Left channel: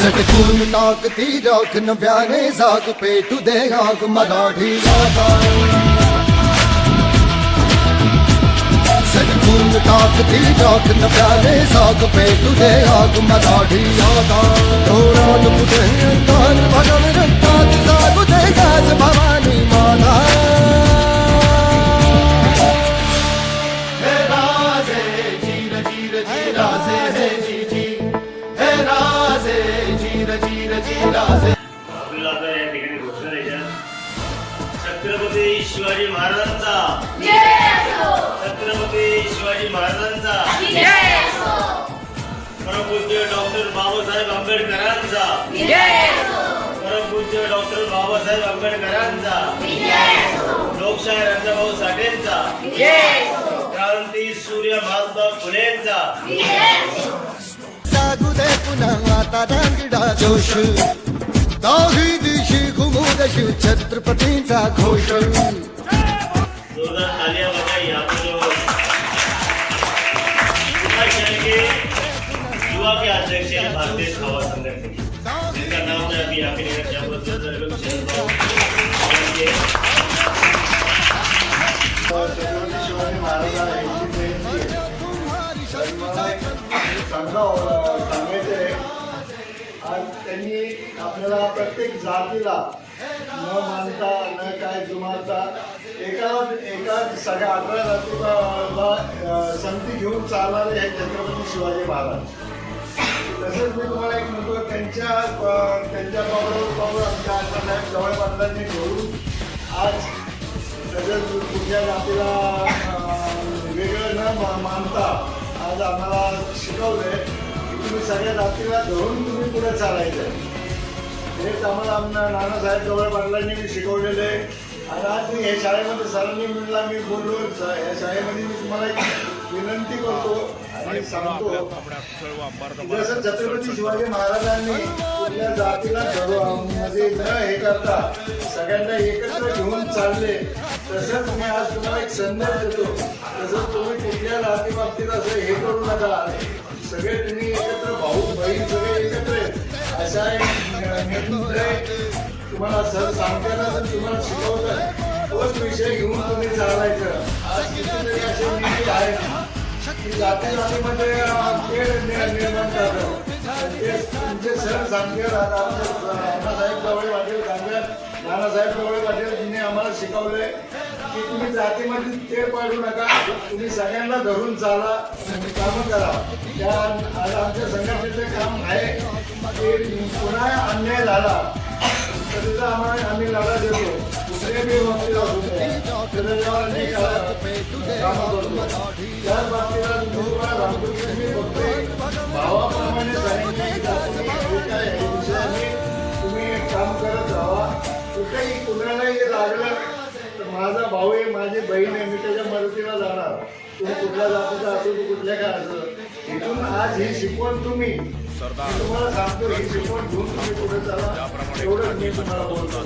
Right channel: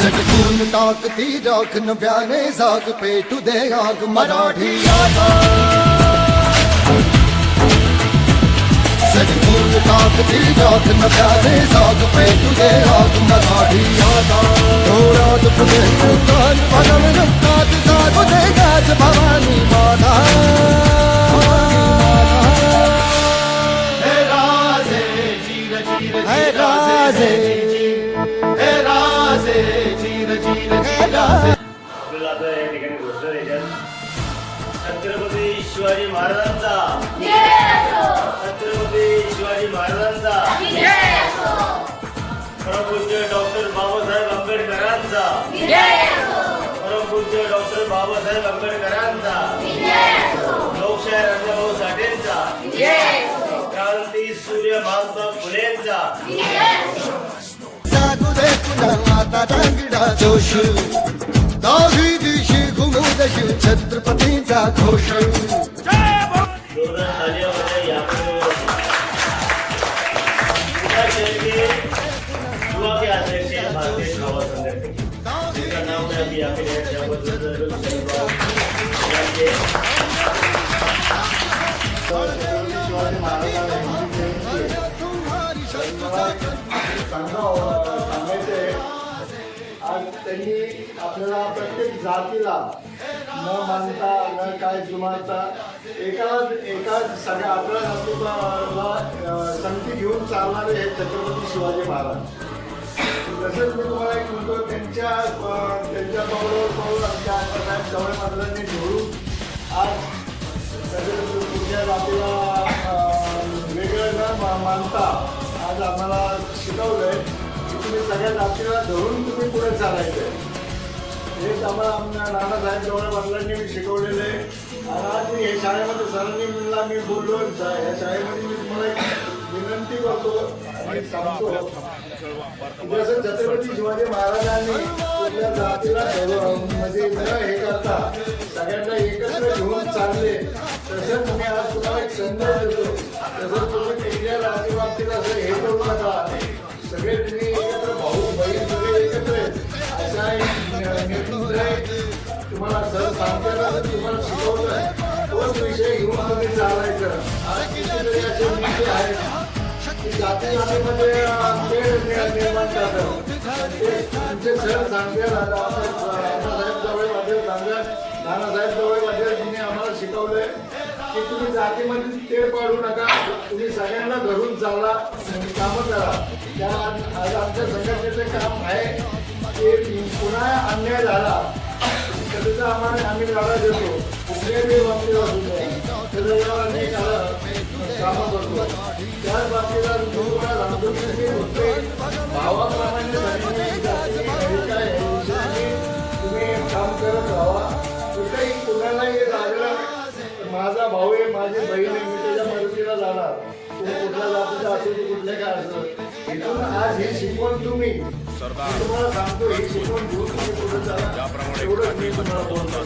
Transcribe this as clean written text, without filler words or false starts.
सटकून टाकती राख नव्याने जाग पेटू दे आग मराठी आगा सटकून टाकती राख नव्याने जाग पेटू दे आग मराठी आगा डोळ्यात फुटे अंगार भगम रक्तात जागू दे गाज भवानी माता आपल्याला आता या ठिकाणी घोषणा द्यायच्या छत्रपती शिवाजी महाराजांचा छत्रपती शिवाजी महाराजांचा परमपूज्य डॉक्टर बाबासाहेब आंबेडकरांचा परमपूज्य डॉक्टर बाबासाहेब आंबेडकरांचा लोकशाही रणभाऊ साठेंचा क्रांती सूर्य महात्मा फुलेंचा जागू दे पुन्हा आता रांगडा जोश दाही दिशी घुमू दशी छत्रपतींचा घोष जोरदार तालियां बजाएं यहाँ पे जो उत्तराखंड के युवा के अध्यक्ष हैं भारतीय सेवा संगठन जिनका नाम मैं अभी यहाँ पे लेना चाहूँगा आज त्यांनी आपल्याला प्रत्येक जातीला न मानता न काय जुमानता एकाच सगळ्या आपल्या नातूला संगती घेऊन चालणारे हे छत्रपती शिवाजी महाराज. तसंच मी तुम्हाला एक म्हणतो त्यांच्या पावलावर आमच्या आश्रमात जवळ पाटलांनी घेऊन आज सगळं पुढच्या जातीला वेगळं न मानता आज आम्हाला शिकवलंय तुम्ही सगळ्या जातीला धरून तुम्ही पुढे चालायचं. हेच आम्हाला नानासाहेब जवळ पाटलांनी शिकवलेलं आहे. आणि आज मी हे शाळेमध्ये सरांनी म्हणला मी बोललो या शाळेमध्ये मी तुम्हाला विनंती करतो आणि सांगतो जसं छत्रपती शिवाजी महाराजांनी आपल्या जातीला मध्ये न हे करता सगळ्यांना एकत्र घेऊन चालले तसं तुम्ही आज तुम्हाला एक संदेश देतो. तसं तुम्ही कुठल्या जाती बाबतीत असं हे करू नका. सगळे तुम्ही एकत्र भाऊ बहीण सगळे एकत्र असा तुम्हाला सर सांगताना तुम्हाला शिकवलं तोच विषय घेऊन तुम्ही चालायचं. जाती जातीमध्ये निर्माण झालं तुमचे सर सांगते नानासाहेब जवळ वाटेल तिने आम्हाला शिकवले की तुम्ही जातीमध्ये तेढ पाडू नका. तुम्ही सगळ्यांना धरून चाला कामं करा. त्या आमच्या संघटनेचं काम आहे की पुन्हा अन्याय झाला तर तिथं आम्हाला आम्ही लढा देतो. कुठल्याही बाबतीत असू द्या त्याच बाबतीला तुम्हाला सांगतो भावाप्रमाणे तुम्ही काम करत राहा. कुठेही कुणालाही लागलं माझा भाऊ आहे माझी बहीण आहे मी त्याच्या मदतीला जाणार. तुम्ही कुठल्या जातीचा असेल की कुठल्या काय असेल इथून आज ही शिकवण तुम्ही तुम्हाला सांगतो ही शिकवण घेऊन तुम्ही पुढे चाला. एवढं मी तुम्हाला बोलतो.